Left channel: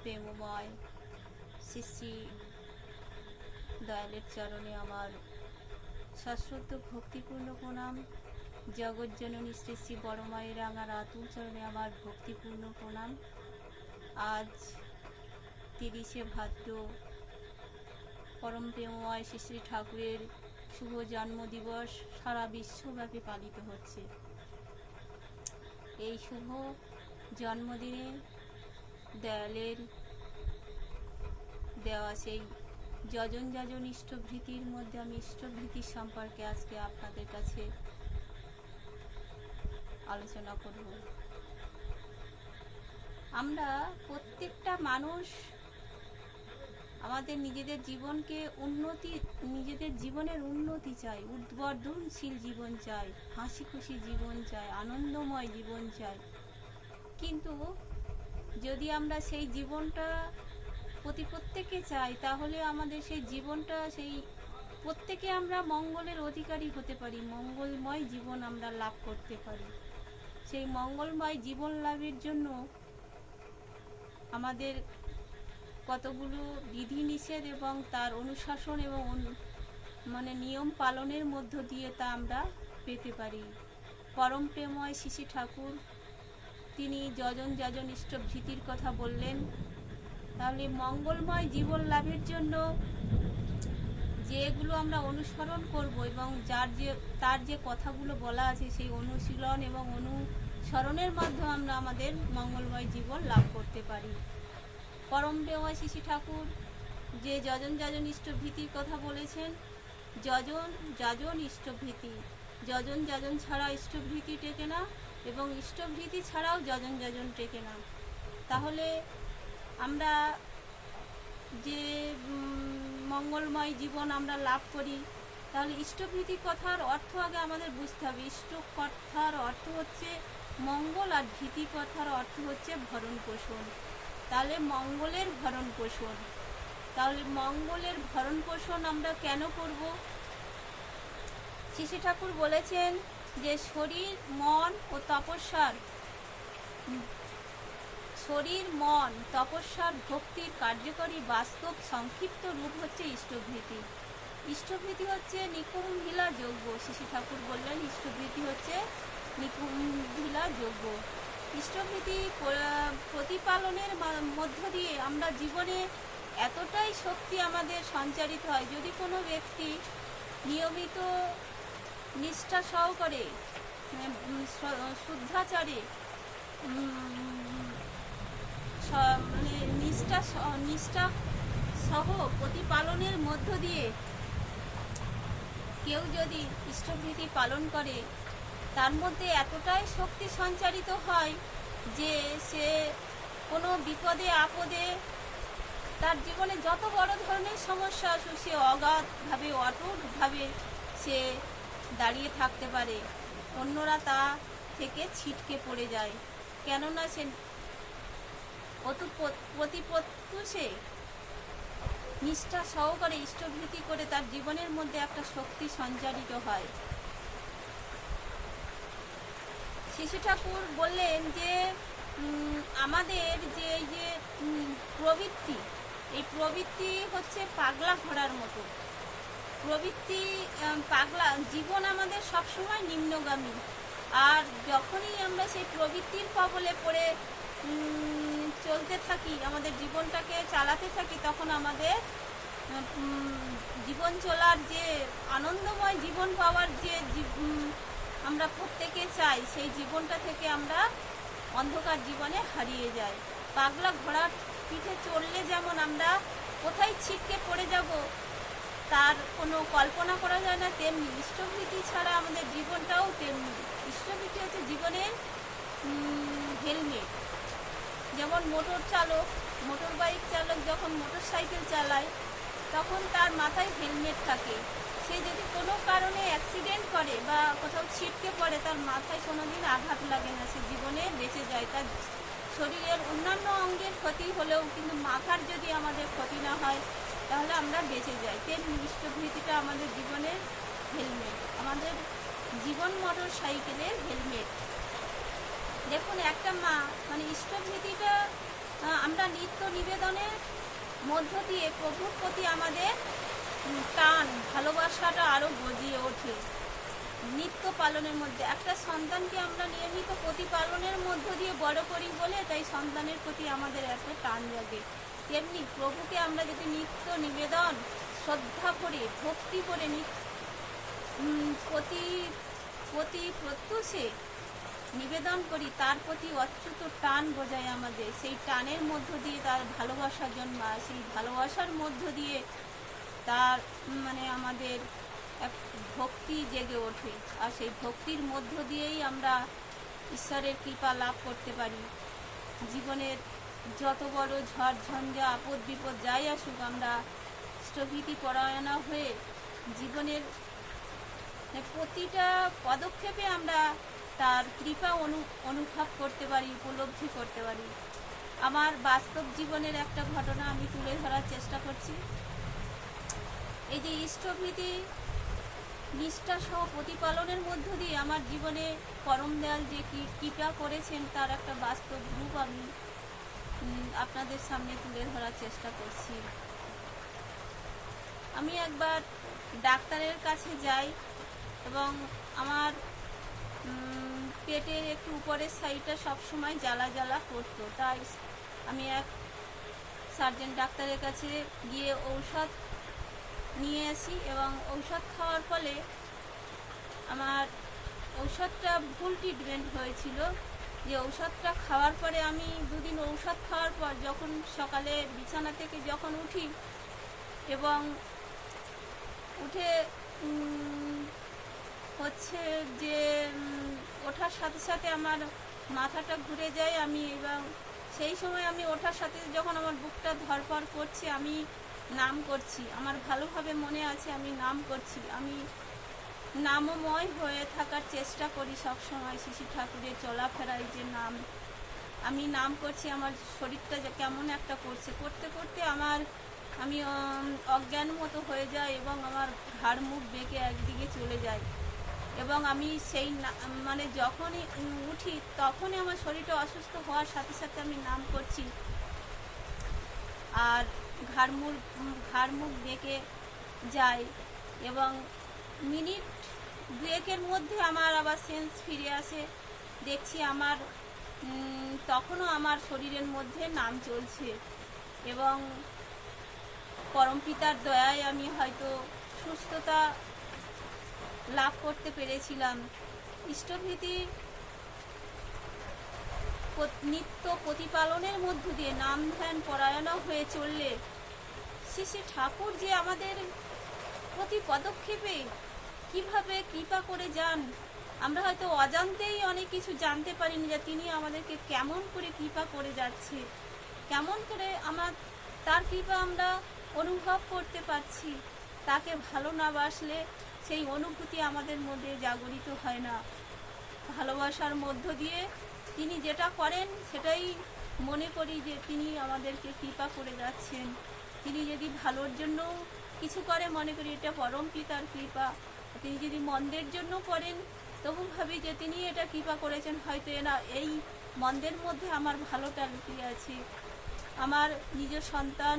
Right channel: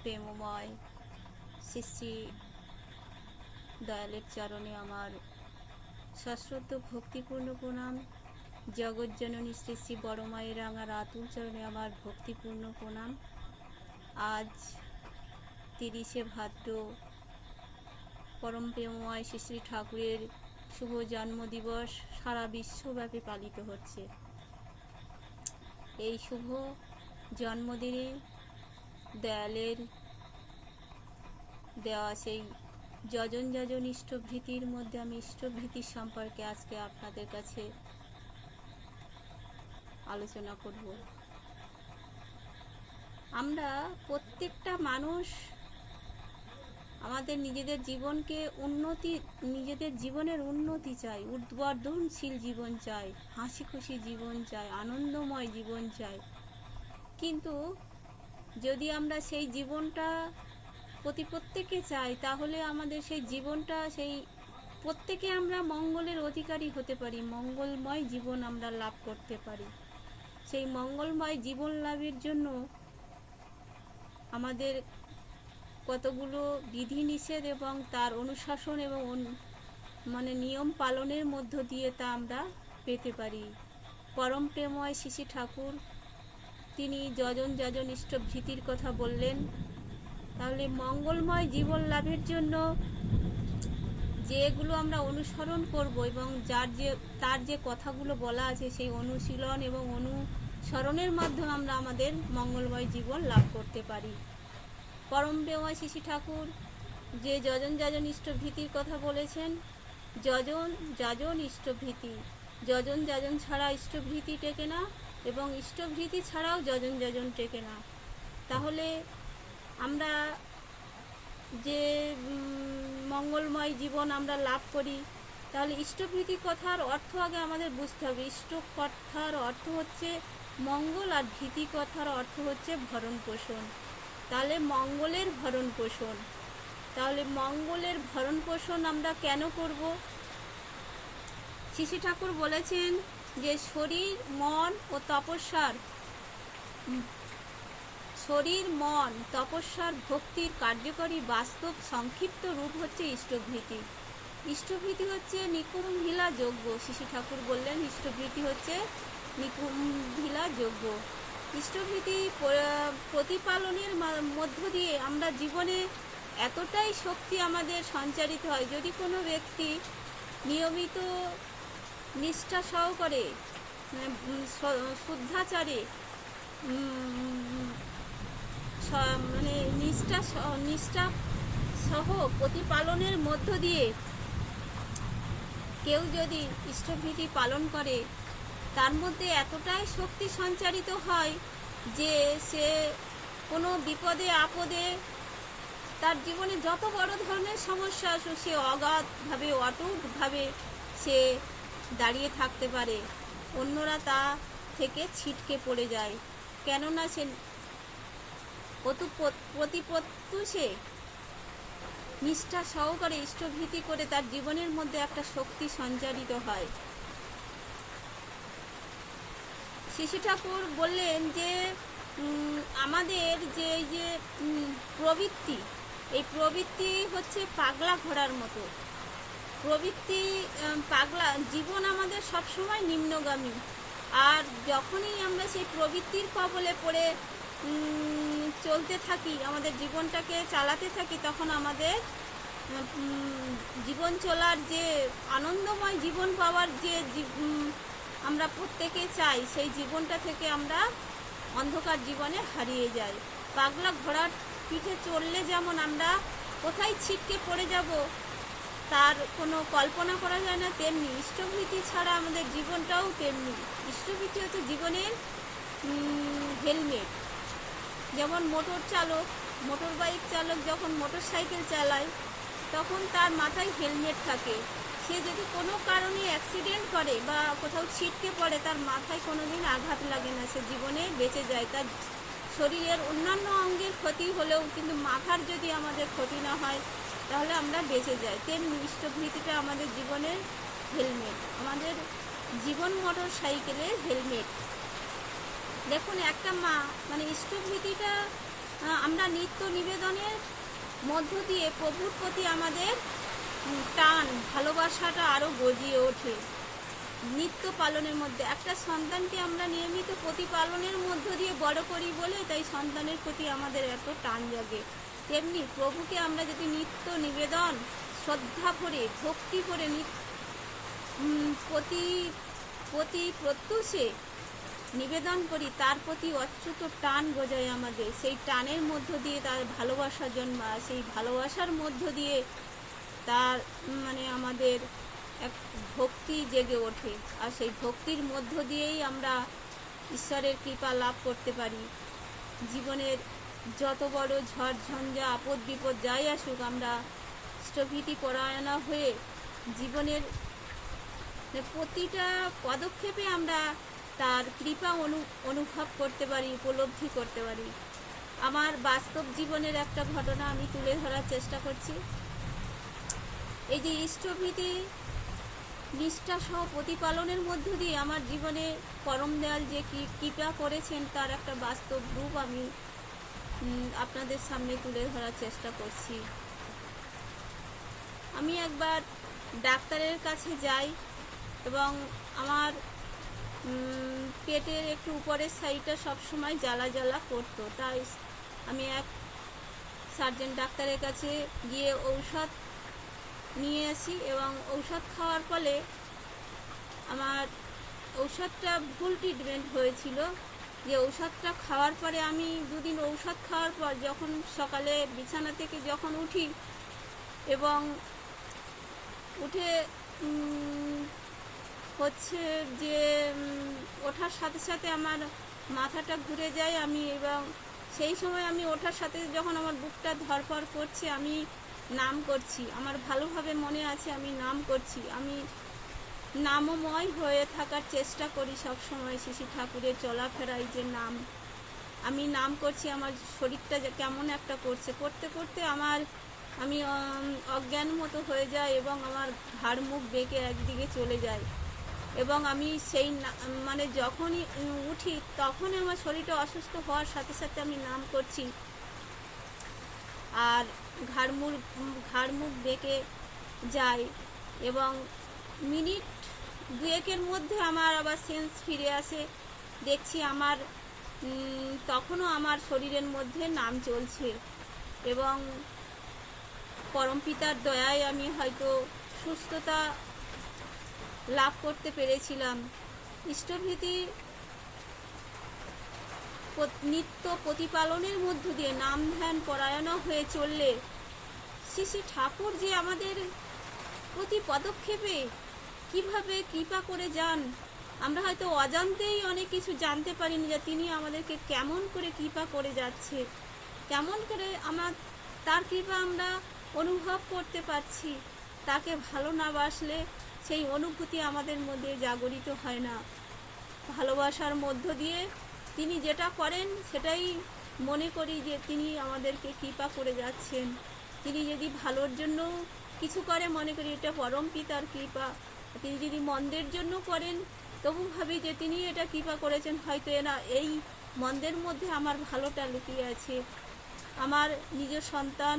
প্রেমময় শ্রী দয়ালের চরণে আমার সশ্রদ্ধ ভক্তিপূর্ণ প্রণাম। জগজ্জননী শ্রী শ্রী বড় মায়ের রাঙার আতুল চরণে আমার ভক্তিপূর্ণ প্রণাম। আজ তিরিশে ভাদ্র পরম প্রেমময় শ্রী শ্রী ঠাকুরের শুভ জন্মদিবস সারা বিশ্বব্যাপী পালিত হচ্ছে। এই শুভ জন্মদিনে দয়ালের, দেওয়া সেই যজন যজন ইষ্টভীতির মধ্যে আমি ইষ্টভীতির সম্পর্কে আজকে আপনাদের কাছে আলোচনা করব। আমরা প্রত্যেকটা মানুষ আমাদের নিজেদের জীবনকে উন্নতি, নিজেদের জীবনের উন্নতি চাই, উদ্বর্ধনশীল জীবন চাই হাসি খুশি জীবন চাই, আনন্দময় জীবন চাই। কিন্তু যদি আমরা সেই জীবনটা প্রতি প্রত্যেকে চাই, তাহলে আমাদের সেই জীবনটা, সেই প্রত্যেকে আমরা মঙ্গলের অধিকারী হতে পারি, মঙ্গলময় জীবন আমরা লাভ করতে পারি। সেই মঙ্গলময় জীবন লাভের জন্য আমাদের কতগুলো বিধিনিষেধ এবং তার অনুশাসন এবং মানে নিয়ম পালনের মধ্য দিয়ে তা আমরা পেতে পারি। পরম প্রেময় শিশি ঠাকুর তিনি যজন যজন ইষ্টভীতির কথা বললেন। তাহলে মঙ্গলময় জীবন লাভের জন্য যেগুলো আমরা অনুসরণ করব এবং যার যে, তার যে কথাগুলো বলা আছে সেই অনুশীলন এবং অনুসরণের মাধ্যমে আমরা আমাদের মঙ্গলময় জীবন লাভ করতে পারি। পরম প্রেময় শিশি ঠাকুর যে যজন যাজন ইষ্টভীতির কথা বলেছেন, যজন যাজন ইষ্টভীতি যজন যাজন ছাড়া ইষ্টভীতি টেকে না। এবং ইষ্টভীতি ছাড়াও যজন যজন টেকে না তাহলে আমরা যে মঙ্গলময় জীবন আমরা লাভ করি, তাহলে ইষ্টভীতি কথার অর্থ আগে আমাদের বুঝতে হবে। ইষ্ট কথার অর্থ হচ্ছে মঙ্গল আর ভীতি কথার অর্থ হচ্ছে ভরণ পোষণ। তাহলে মঙ্গলের ভরণ পোষণ। তাহলে মঙ্গলের ভরণ পোষণ আমরা কেন করব? শিশি ঠাকুর বলেছেন যে শরীর, মন ও তপস্যার শরীর, মন, তপস্যার ভক্তির কার্যকরী বাস্তব সংক্ষিপ্ত রূপ হচ্ছে ইষ্টভীতি। ইষ্টভৃতি হচ্ছে নিকুম্ভিলা যজ্ঞ। শিশু ঠাকুর বললেন, ইষ্টভৃতি হচ্ছে নিকুম্ভিলা যজ্ঞ। ইষ্টভীতি প্রতিপালনের মধ্য দিয়ে আমরা জীবনে এতটাই শক্তি আমাদের সঞ্চারিত হয়, যদি কোনো ব্যক্তি নিয়মিত নিষ্ঠা সহকারে স- শুদ্ধাচারে মানে নিষ্ঠা নিষ্ঠা সহ প্রতিপালনের মধ্য দিয়ে কেউ যদি ইষ্টভীতি পালন করে, তার মধ্যে এতটাই শক্তি সঞ্চারিত হয় যে সে কোনো বিপদে, আপদে তার জীবনে যত বড় ধরনের সমস্যা আসুক, সে অগাধভাবে, অটুটভাবে সে দাঁড়িয়ে থাকতে পারে। অন্যরা তা থেকে ছিটকে পড়ে যায়। কেননা সে অতু প্রতিপত্তুষে নিষ্ঠা সহকারে ইষ্টভীতি করে তার জীবনের মধ্যে একটা শক্তি সঞ্চারিত হয়। শিশু ঠাকুর বললেন যে আমাদের যে যে প্রবৃত্তি, এই প্রবৃত্তি হচ্ছে পাগলা ঘোড়ার মতো। প্রবৃত্তি পাগলা, জীবন আমাদের সবসময় নিম্নগামী। আর যখনই আমরা সেই প্রবৃত্তির কবলে পড়ে চলতে থাকি, আমাদের জীবনটাকে চালাতে থাকি, তখন আমাদের জীবন চলার যে আনন্দময় জীবন পাওয়ার যে আমরা প্রত্যেকে চাই, সেই জীবনটা থেকে আমরা অন্ধকার জীবনে হারিয়ে যাই। পাগলা ঘোড়ার পিঠে চললে যেমন আমরা কোথায় ছিটকে পড়ে যাব তার কোনো কল্পনা করা যায় না, তেমনি ইষ্টভীতি ছাড়া আমাদের জীবনটাও তেমনি। ইষ্টভীতি হচ্ছে জীবনের হেলমেট যেমন মোটর চালক, মোটর বাইক চালক যখন মোটর সাইকেল চালায়, তখন তার মাথায় হেলমেট থাকে। সে যদি কোনো কারণে অ্যাক্সিডেন্ট করে বা কোথাও ছিটকে পড়ে, তার মাথায় কোনোদিন আঘাত লাগে না। সে জীবনে বেঁচে যায়। তার শরীরের অন্যান্য অঙ্গের ক্ষতি হলেও কিন্তু মাথার যদি আমাদের ক্ষতি না হয় তাহলে আমরা বেঁচে যাই। তেমনি ইষ্টভীতিটা আমাদের জীবনের হেলমেট আমাদের জীবন মোটর সাইকেলের হেলমেট দেখুন, একটা মা মানে ইষ্টভীতিটা আমরা নিত্য নিবেদনের মধ্য দিয়ে প্রভুর প্রতি আমাদের টান, ভালোবাসাটা আরও গজিয়ে ওঠে নিত্য পালনের মধ্যে। একটা সন্তানকে আমরা নিয়মিত প্রতিপালনের মধ্য দিয়ে বড় করি বলে, তাই সন্তানের প্রতি আমাদের এত টান জাগে। তেমনি প্রভুকে আমরা যদি নিত্য নিবেদন, শ্রদ্ধা করে, ভক্তি করে প্রতি প্রতি প্রত্যুষে নিবেদন করি, তার প্রতি অচ্যুত টান বোঝায় আমাদের। সেই টানের মধ্য দিয়ে তার ভালোবাসা জন্মায় সেই ভালোবাসার মধ্য দিয়ে তার মানে আমাদের এক ভক্তি জেগে ওঠে। আর সেই ভক্তির মধ্য দিয়েই আমরা ঈশ্বরের কৃপা লাভ করতে পারি। জীবনের যত বড় ঝড়, ঝঞ্ঝা, আপদ বিপদ যাই আসুক, আমরা স্থগিতি পরায়ণা হয়ে জীবনের প্রতিটা পদক্ষেপে আমরা তার কৃপা অনু, অনুভব করতে পারি, উপলব্ধি করতে পারি। আমার বাস্তব জীবনের একটা ঘটনা আমি তুলে ধরার চেষ্টা করছি। এই যে ইষ্টভীতি নিষ্ঠা সহ প্রতিপালনের মধ্য দিয়ে আমার জীবনে পরম দয়াল যে কৃপা করেছেন, তার একটা বাস্তব রূপ আমি আপনাদের সামনে তুলে ধরার চেষ্টা করছি। আমি একবার ডাক্তারের কাছে যাই এবং আমার পেটের একটু উপরের সাইডটা সবসময় জ্বালা জ্বালা করতো। তাই আমি এক সার্জন ডাক্তারের কাছে গিয়ে ঔষধ নিয়ে আসি এবং ঔষধ খাওয়ার ফলে আমার ঔষধটা ভুল ট্রিটমেন্ট হয়েছিল। যে ঔষধটা খাওয়ার পরে আমি দুদিন ঔষধ খাওয়ার পর যখন সকালে বিছানা থেকে যখন উঠি এবং উঠে হচ্ছে যে ওঠার সাথে সাথে আমার মাথাটা ঘুরে যায় আমি এবং সেই সময় আমি ওঠার সাথে যখন আমার বুকটা ধরপড় করছে আমি নাম করছি। আমার ভালোভাবে মনে আছে আমি নাম করছি। আমি নামময় হয়ে থাকার চেষ্টা করি সব সময় শিশু ঠাকুরের চলাফেরায় যে নাম। আমি নাম করছি, আমার শরীরটা কেমন একটা করছে। করতে করতে আমার, আমি অজ্ঞান মতো হয়ে যায় এবং আমার ঘাড় মুখ বেঁকে একদিকে চলে যায় এবং আমি সেই মানে যখনই উঠি তখনই আমার শরীরটা অসুস্থ হওয়ার সাথে সাথে আমি নাম করছি। আর ঘাড় মুখ ঘাড় মুখ বেঁকে যায় এবং মিনিট দুয়েকের মধ্যে আমার আবার সেন্স ফিরে আসে। দেখছি আমার তখনও আমার শরীরের মধ্যে নাম চলছে এবং পরমপিতার দয়ায় আমি হয়তো সুস্থতা লাভ করতে পেরেছিলাম। ইষ্টভীতি নিত্য প্রতিপালনের মধ্য দিয়ে নাম ধ্যান পরায়ণ হয়ে চললে শ্রী ঠাকুর যে আমাদের প্রতি পদক্ষেপে কীভাবে কৃপা করে যান? আমরা হয়তো অজান্তেই অনেক কিছু জানতে পারিনি যে তিনি আমাদেরকে কেমন করে কৃপা করে যাচ্ছে। কেমন করে আমার, তার কৃপা আমরা অনুভব করতে পারছি। তাকে ভালো না বাসলে সেই অনুভূতি আমাদের মধ্যে জাগরিত হয় না। ভালোবাসার মধ্য দিয়ে তিনি যেটা করেন, সেটাই মনে করি যে তিনি আমাদেরকে কৃপা করে যাচ্ছেন। তিনি যদি ভালোর জন্য কিছু করে, মনে করি এটা পরম পিতার কৃপা। তিনি যদি মন্দের জন্য করেন, তবু ভাবি যে তিনি এটা কৃপা করেছেন, হয়তো এনা, এই মন্দের মধ্যে আমার ভালোটা লুকিয়ে আছে। আমার নিজ সন্তান,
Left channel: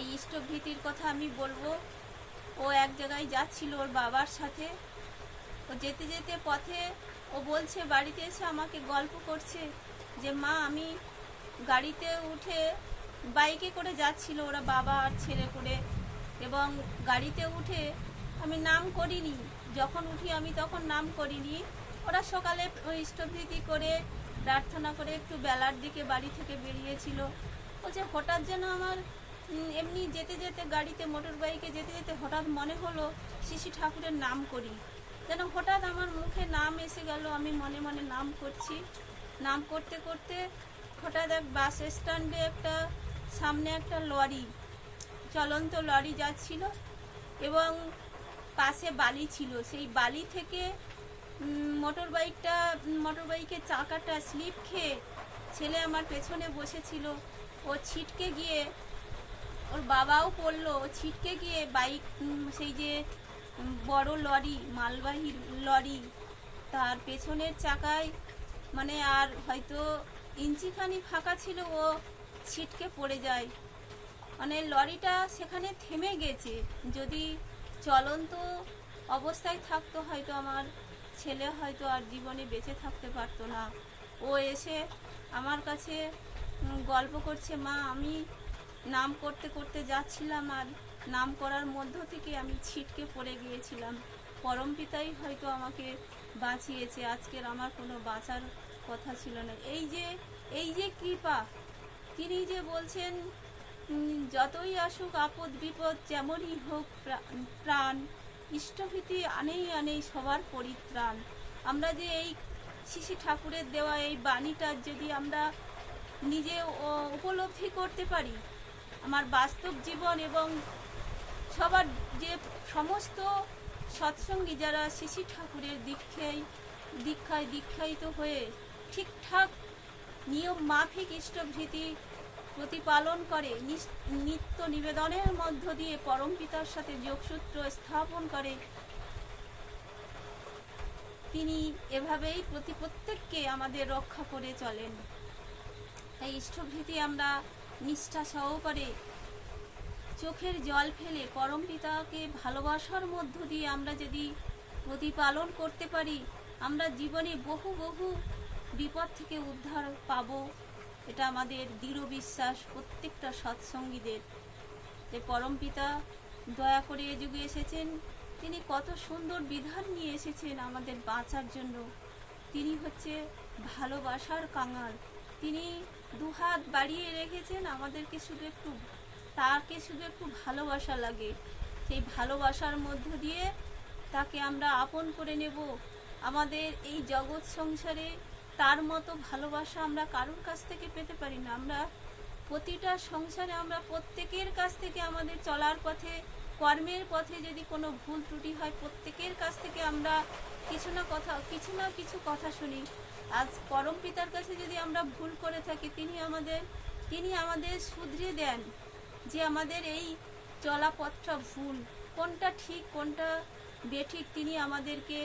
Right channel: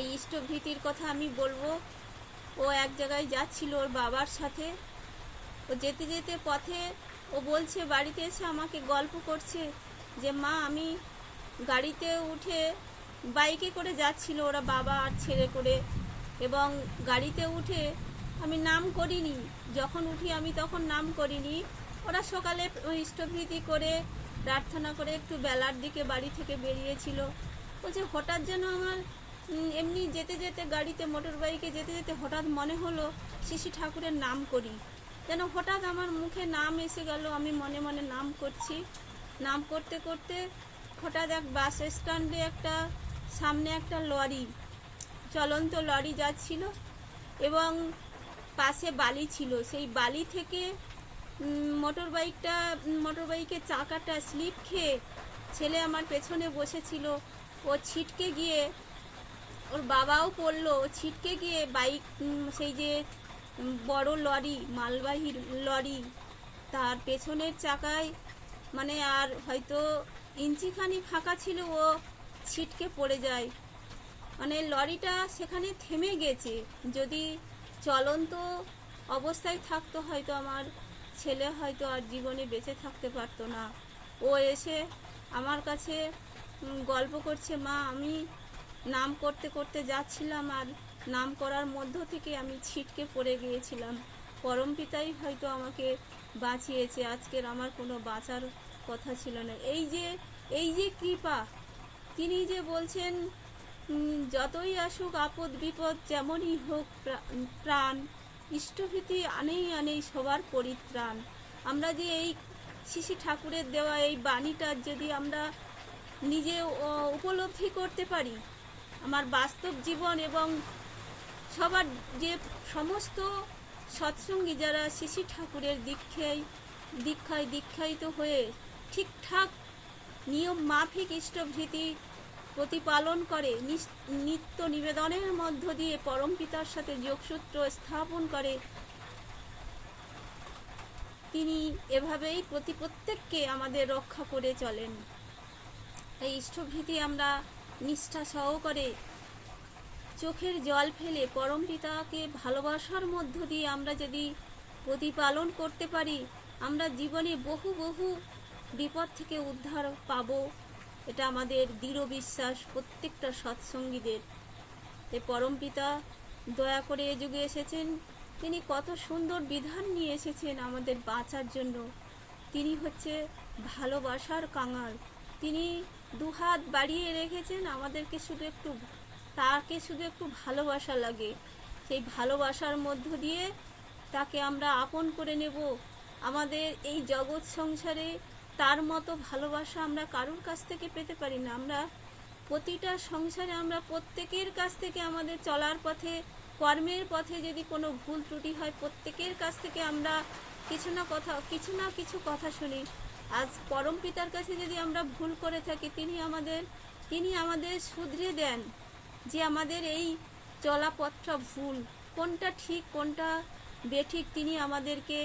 এই ইষ্টভীতির কথা আমি বলব। ও এক জায়গায় যাচ্ছিল ওর বাবার সাথে। ও যেতে যেতে পথে ও বলছে, বাড়িতে এসে আমাকে গল্প করছে যে, মা, আমি গাড়িতে উঠে বাইকে করে যাচ্ছিল ওরা বাবা আর ছেলে করে এবং গাড়িতে উঠে আমি নাম করিনি। যখন উঠি আমি তখন নাম করিনি। ওরা সকালে ইষ্টভীতি করে, প্রার্থনা করে একটু বেলার দিকে বাড়ি থেকে বেরিয়েছিল। বলছে হঠাৎ যেন আমার এমনি যেতে যেতে গাড়িতে মোটর বাইকে যেতে যেতে হঠাৎ মনে হলো শিশু ঠাকুরের নাম করি। যেন হঠাৎ আমার মুখে নাম এসে গেল, আমি মনে মনে নাম করছি। নাম করতে করতে হঠাৎ এক বাস স্ট্যান্ডে একটা, সামনে একটা লরি, চলন্ত লরি যাচ্ছিল এবং পাশে বালি ছিল। সেই বালি থেকে মোটর বাইকটা মোটর বাইকের চাকাটা স্লিপ খেয়ে ছেলে আমার পেছনে বসেছিল। ও ছিটকে গিয়ে ওর বাবাও পড়ল। ও ছিটকে গিয়ে বাইক সেই যে বড় লরি, মালবাহী লরি, তার পেছনের চাকায় মানে আর হয়তো ইঞ্চিখানি ফাঁকা ছিল, ও ছিটকে পড়ে যায়। মানে লরিটা সেখানে থেমে গেছে। যদি চলন্ত অবস্থায় থাকতো, হয়তো আমার ছেলে হয়তো আর জীবনে বেঁচে থাকতে পারতো না। ও এসে আমার কাছে গল্প করছে, মা, আমি নাম করতে করতে যাচ্ছিলাম আর নাম করার মধ্য থেকে আমি ছিটকে পড়ে গিয়েছিলাম। পরম পিতাই হয়তো আমাকে বাঁচিয়েছে, আজকের আমার কোনো বাঁচার কথা ছিল না। এই যে এই যে কৃপা, তিনি যে বলছেন যতই আসুক আপদ বিপদ যেমনই হোক প্রাণ, ইষ্টভীতি আনেই আনেই সবার পরিত্রাণ। আমরা যে এই শিশি ঠাকুরের দেওয়া এই বাণীটা যদি আমরা নিজে উপলব্ধি করতে পারি, আমার বাস্তব জীবন এবং সবার যে সমস্ত সৎসঙ্গী যারা শিশি ঠাকুরের দীক্ষায় দীক্ষায় দীক্ষায়িত হয়ে ঠিকঠাক নিয়ম মাফিক ইষ্টভীতি প্রতিপালন করে নিত্য নিবেদনের মধ্য দিয়ে পরম পিতার সাথে যোগসূত্র স্থাপন করে। তিনি এভাবেই প্রতি প্রত্যেককে আমাদের রক্ষা করে চলেন। তাই ইষ্টভীতি আমরা নিষ্ঠা সহকারে চোখের জল ফেলে পরম পিতাকে ভালোবাসার মধ্য দিয়ে আমরা যদি প্রতিপালন করতে পারি, আমরা জীবনে বহু বহু বিপদ থেকে উদ্ধার পাব। এটা আমাদের দৃঢ় বিশ্বাস, প্রত্যেকটা সৎসঙ্গীদের। পরম পিতা দয়া করে এ যুগে এসেছেন, তিনি কত সুন্দর বিধান নিয়ে এসেছেন আমাদের বাঁচার জন্য। তিনি হচ্ছে ভালোবাসার কাঙাল। তিনি দুহাত বাড়িয়ে রেখেছেন আমাদেরকে শুধু একটু, তাকে শুধু একটু ভালোবাসা লাগে। সেই ভালোবাসার মধ্য দিয়ে তাকে আমরা আপন করে নেব। আমাদের এই জগৎ সংসারে তার মতো ভালোবাসা আমরা কারোর কাছ থেকে পেতে পারি না। আমরা প্রতিটা সংসারে আমরা প্রত্যেকের কাছ থেকে আমাদের চলার পথে, কর্মের পথে যদি কোনো ভুল ত্রুটি হয়, প্রত্যেকের কাছ থেকে আমরা কিছু না কথা, কিছু না কিছু কথা শুনি। আজ পরম পিতার কাছে যদি আমরা ভুল করে থাকি, তিনি আমাদের তিনি আমাদের শুধরে দেন যে আমাদের এই চলাপথটা ভুল। কোনটা ঠিক, কোনটা বেঠিক, তিনি আমাদেরকে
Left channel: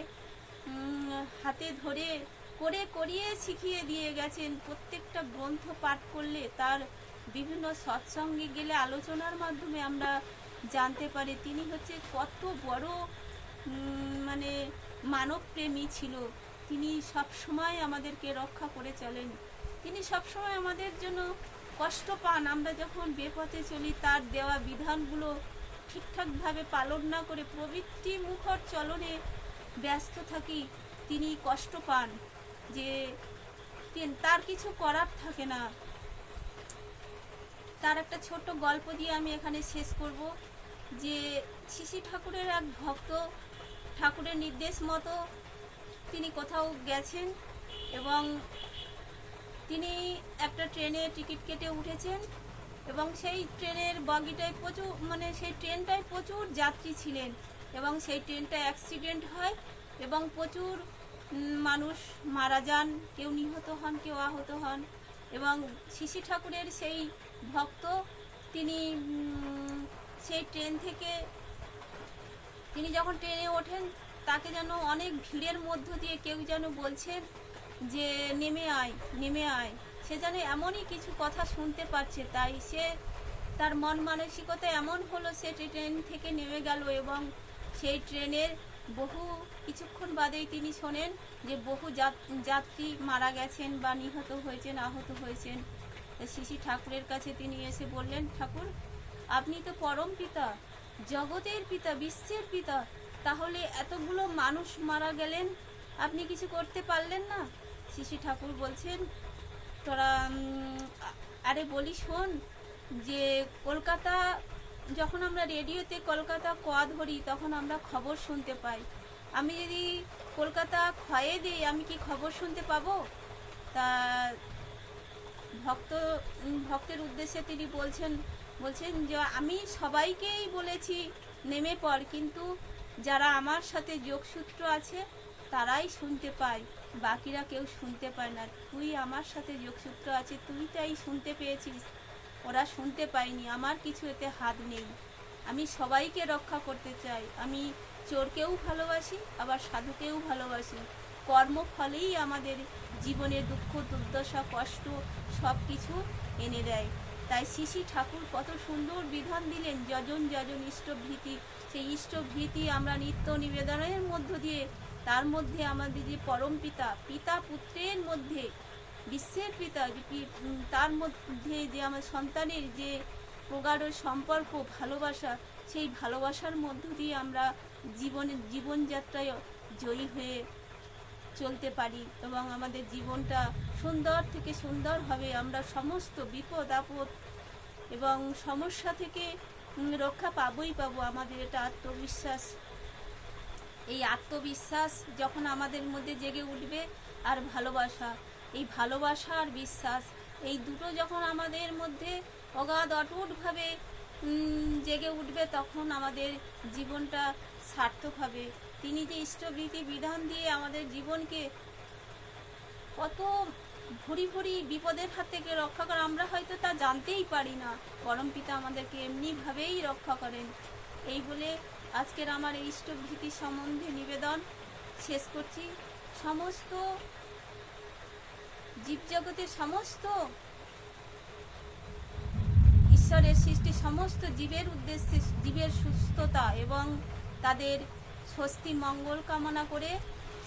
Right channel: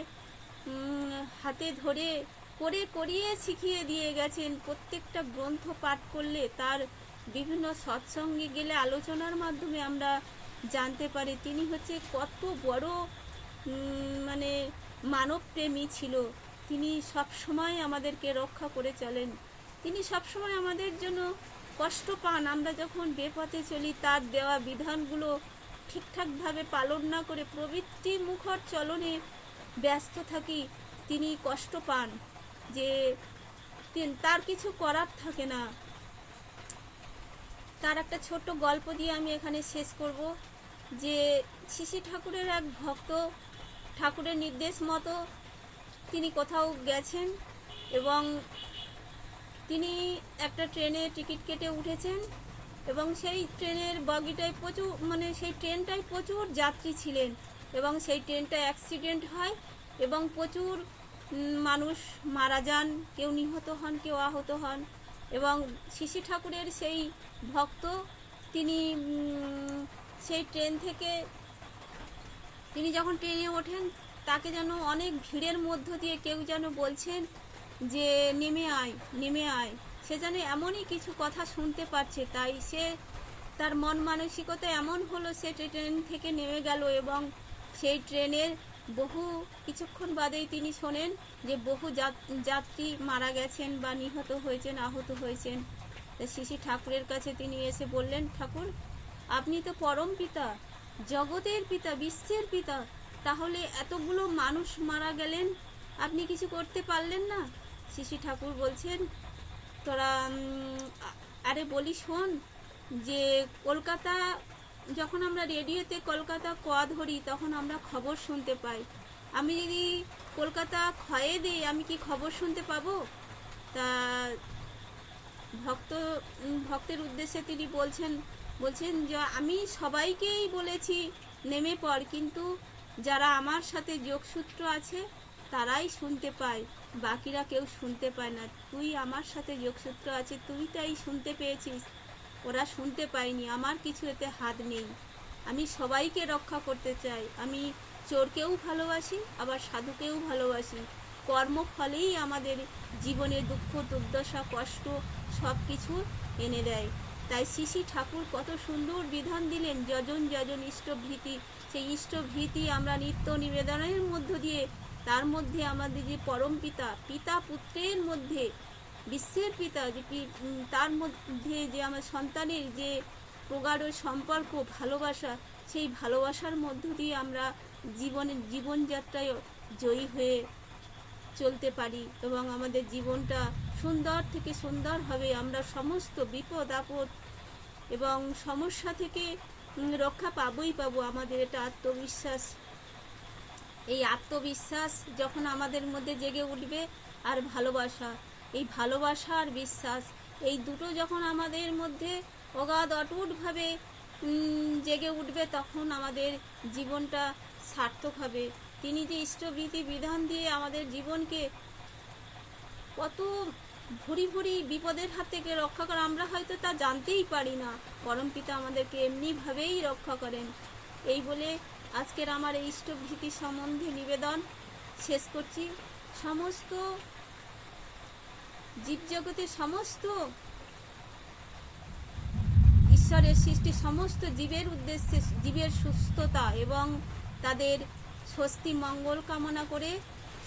হাতে ধরে করে করিয়ে শিখিয়ে দিয়ে গেছেন। প্রত্যেকটা গ্রন্থ পাঠ করলে তার বিভিন্ন সৎসঙ্গে গেলে আলোচনার মাধ্যমে আমরা জানতে পারি। তিনি হচ্ছে কত বড় মানে মানবপ্রেমী ছিল। তিনি সব সময় আমাদেরকে রক্ষা করে চলেন। তিনি সব সময় আমাদের জন্য কষ্ট পান। আমরা যখন বেপথে চলি, তার দেওয়া বিধানগুলো ঠিকঠাকভাবে পালন না করে প্রবৃত্তি মুখর চলনে ব্যস্ত থাকি, তিনি কষ্ট পান। যে তার কিছু করার থাকে না। তার একটা ছোট্ট গল্প দিয়ে আমি এখানে শেষ করব, যে শিশি ঠাকুরের এক ভক্ত ঠাকুরের নির্দেশ মতো তিনি কোথাও গেছেন এবং তিনি একটা ট্রেনে টিকিট কেটে উঠেছেন এবং সেই ট্রেনের বগিটায় প্রচুর মানে সেই ট্রেনটায় প্রচুর যাত্রী ছিলেন এবং সেই ট্রেনটা অ্যাক্সিডেন্ট হয় এবং প্রচুর মানুষ মারা যান, কেউ নিহত হন, কেউ আহত হন। এবং শিশি ঠাকুরের সেই ভক্ত, তিনি সেই ট্রেন থেকে, তিনি যখন ট্রেনে ওঠেন, তাকে যেন অনেক ভিড়ের মধ্য দিয়ে কেউ যেন বলছেন যে, নেমে আয় নেমে আয়। সে যেন এমনই কিছু কথা শুনতে পাচ্ছে তাই সে, তার মন মানসিকতা এমন হলো, সে ট্রেন থেকে নেমে গেল এবং সেই ট্রেনের বহু কিছুক্ষণ বাদেই তিনি শোনেন যে বহু যাত- যাত্রী মারা গেছেন বা নিহত হয়েছেন, আহত হয়েছেন। তো শিশি ঠাকুরের কাছে তিনি এসে বললেন, ঠাকুর, আপনি তো পরম পিতা, জগতের পিতা, বিশ্বের পিতা, তাহলে এতগুলো মানুষ মারা গেলেন, আপনি কিছু করতে পারলেন না? শিশি ঠাকুর বলছেন, তোরা আরে বলি শোন যে কলকাতা, যখন আমরা রেডিওতে কলকাতা ক ধরি, তখন আমরা খবর শুনতে পাই। আমি যদি কলকাতা ক্ষয়ে দিই, আমি কি খবর শুনতে পাবো? তা ভক্ত ভক্তের উদ্দেশ্যে তিনি বলছেন বলছেন যে, আমি সবাইকেই বলেছি, নেমে পড়, কিন্তু যারা আমার সাথে যোগসূত্র আছে, তারাই শুনতে পায়, বাকিরা কেউ শুনতে পায় না। তুই আমার সাথে যোগসূত্র আছে, তুই তাই শুনতে পেয়েছিস। ওরা শুনতে পায়নি, আমার কিছু এতে হাত নেই। আমি সবাইকে রক্ষা করতে চাই। আমি চোরকেও ভালোবাসি, আবার সাধুকেও ভালোবাসি। কর্মফলেই আমাদের জীবনে দুঃখ, দুর্দশা, কষ্ট সব কিছু এনে দেয়। তাই শ্রী ঠাকুর কত সুন্দর বিধান দিলেন, যজন যজন ইষ্টভীতি সেই ইষ্টভীতি আমরা নিত্য নিবেদনের মধ্য দিয়ে, তার মধ্যে আমাদের যে পরম পিতা পিতা পুত্রের মধ্যে, বিশ্বের পিতা যে তার মধ্যে যে আমার সন্তানের যে প্রগাঢ় সম্পর্ক, ভালোবাসা, সেই ভালোবাসার মধ্য দিয়ে আমরা জীবনের জীবনযাত্রায় জয়ী হয়ে চলতে পারি এবং আমাদের জীবনটা সুন্দর থেকে সুন্দর হবে আমরা সমস্ত বিপদ, আপদ এবং সমস্যা থেকে রক্ষা পাবই পাবো আমাদের এটা আত্মবিশ্বাস। এই আত্মবিশ্বাস যখন আমাদের মধ্যে জেগে উঠবে আর ভালোবাসা, এই ভালোবাসা আর বিশ্বাস, এই দুটো যখন আমাদের মধ্যে অগাধ, অটুটভাবে জেগে উঠবে তখন আমাদের জীবনটা সার্থক হবে তিনি যে ইষ্টভীতি বিধান দিয়ে আমাদের জীবনকে কত ভুরি ভুরি বিপদের হাত থেকে রক্ষা করে, আমরা হয়তো তা জানতেই পারি না। পরম পিতা আমাদেরকে এমনিভাবেই রক্ষা করেন। এই বলে আজকের আমার এই ইষ্টভীতি সম্বন্ধে নিবেদন শেষ করছি। সমস্ত জীবজগতের সমস্ত ঈশ্বরের সৃষ্টি, সমস্ত জীবের উদ্দেশ্যে, জীবের সুস্থতা এবং তাদের স্বস্তি, মঙ্গল কামনা করে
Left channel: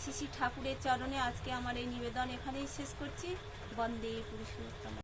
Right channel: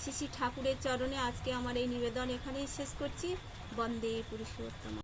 শ্রী ঠাকুরের চরণে আজকে আমার এই নিবেদন এখানেই শেষ করছি। বন্দে পুরুষোত্তম।